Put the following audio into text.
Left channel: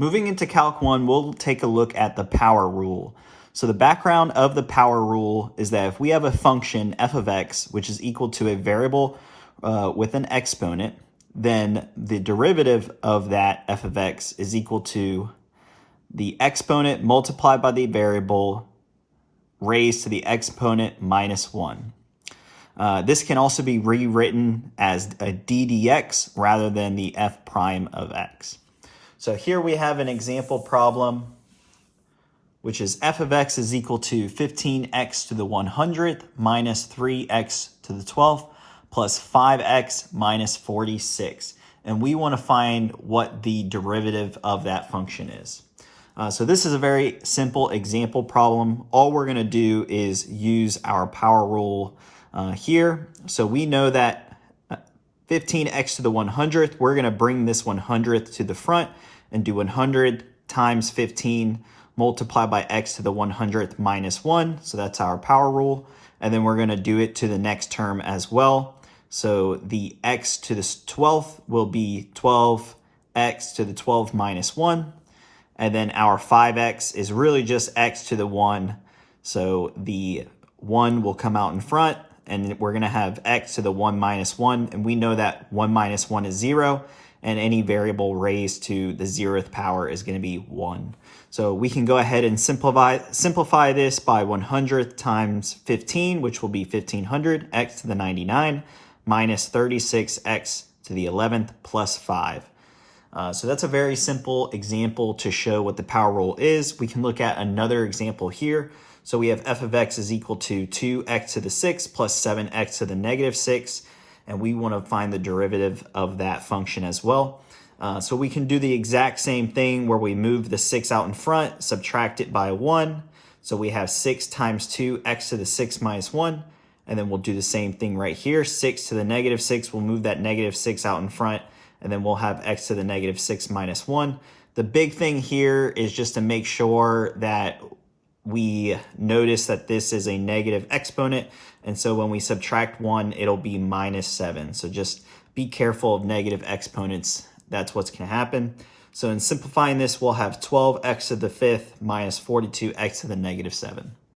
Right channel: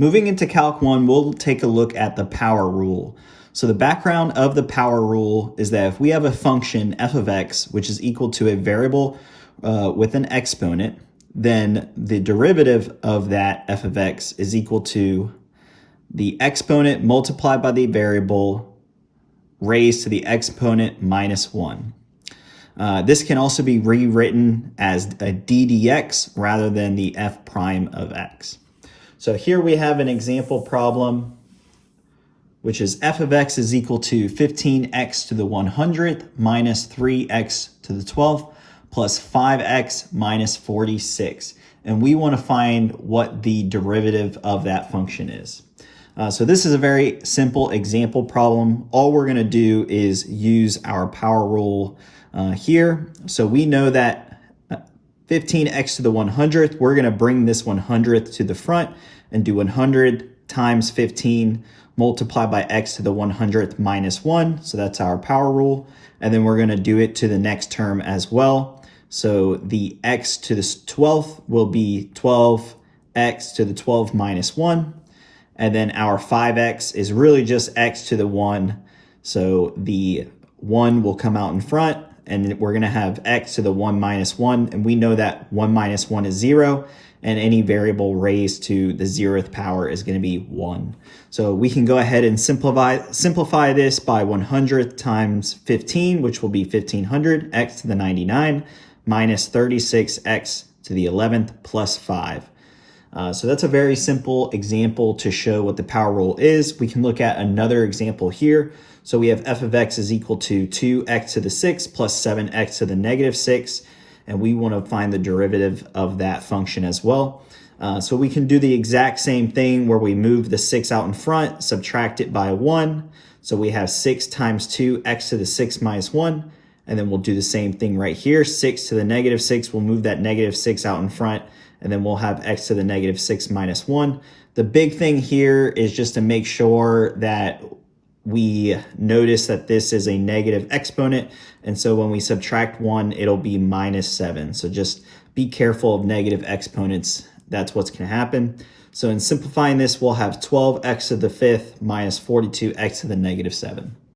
Moving into Calc 1, we'll take a look at the power rule. So the background of the power rule is that if we have a function f of x, which is equal to a variable with an exponent, then the derivative of that f of x is equal to the exponent multiplied by the variable raised to the exponent minus 1. This can also be rewritten as a d dx rather than the f prime of x. So here we have an example problem, which is f of x is equal to 15x to the 100th minus 3x to the 12th plus 5x minus 46. And we want to find what the derivative of that function is. So this is a very simple example problem. All we're going to do is use our power rule here. So we know that 15x to the 100th, we're going to bring this 100th to the front and do 100 times 15 multiplied by x to the 100th minus 1. So that's our power rule. And then we're going to do it to the next term as well. So the x to the 12th will be 12x to the 12 minus 1. And then our 5x is really just x to the 1. So the 1 will come out in front, and we're going to have x to the 1 minus 1. And we know that 1 minus 1 is 0, and any variable raised to the 0th power is going to be 1. So we can go ahead and simplify this by 100 times 15, which will be 1500, x to the 99, minus 36x to the 11th plus 5. So that's a very simple example to show what the power rule is. We can look at another example here. So we have f of x is equal to 2x to the 6 plus 7x to the negative 6. And we want to find the derivative of that function as well. So we can do the exact same thing where we move the 6 out in front, subtract it by 1. So we have 6 times 2, x to the 6 minus 1. And then we'll do the same thing right here. 6 to the negative 6, we'll move that negative 6 out in front. And then we'll have x to the negative 6 minus 1. The big thing here is just to make sure that we notice that this is a negative exponent. And so when we subtract 1, it'll be minus 7. So just be careful of negative exponents. That's what's going to happen. So in simplifying this, we'll have 12x to the 5th minus 42x to the negative 7.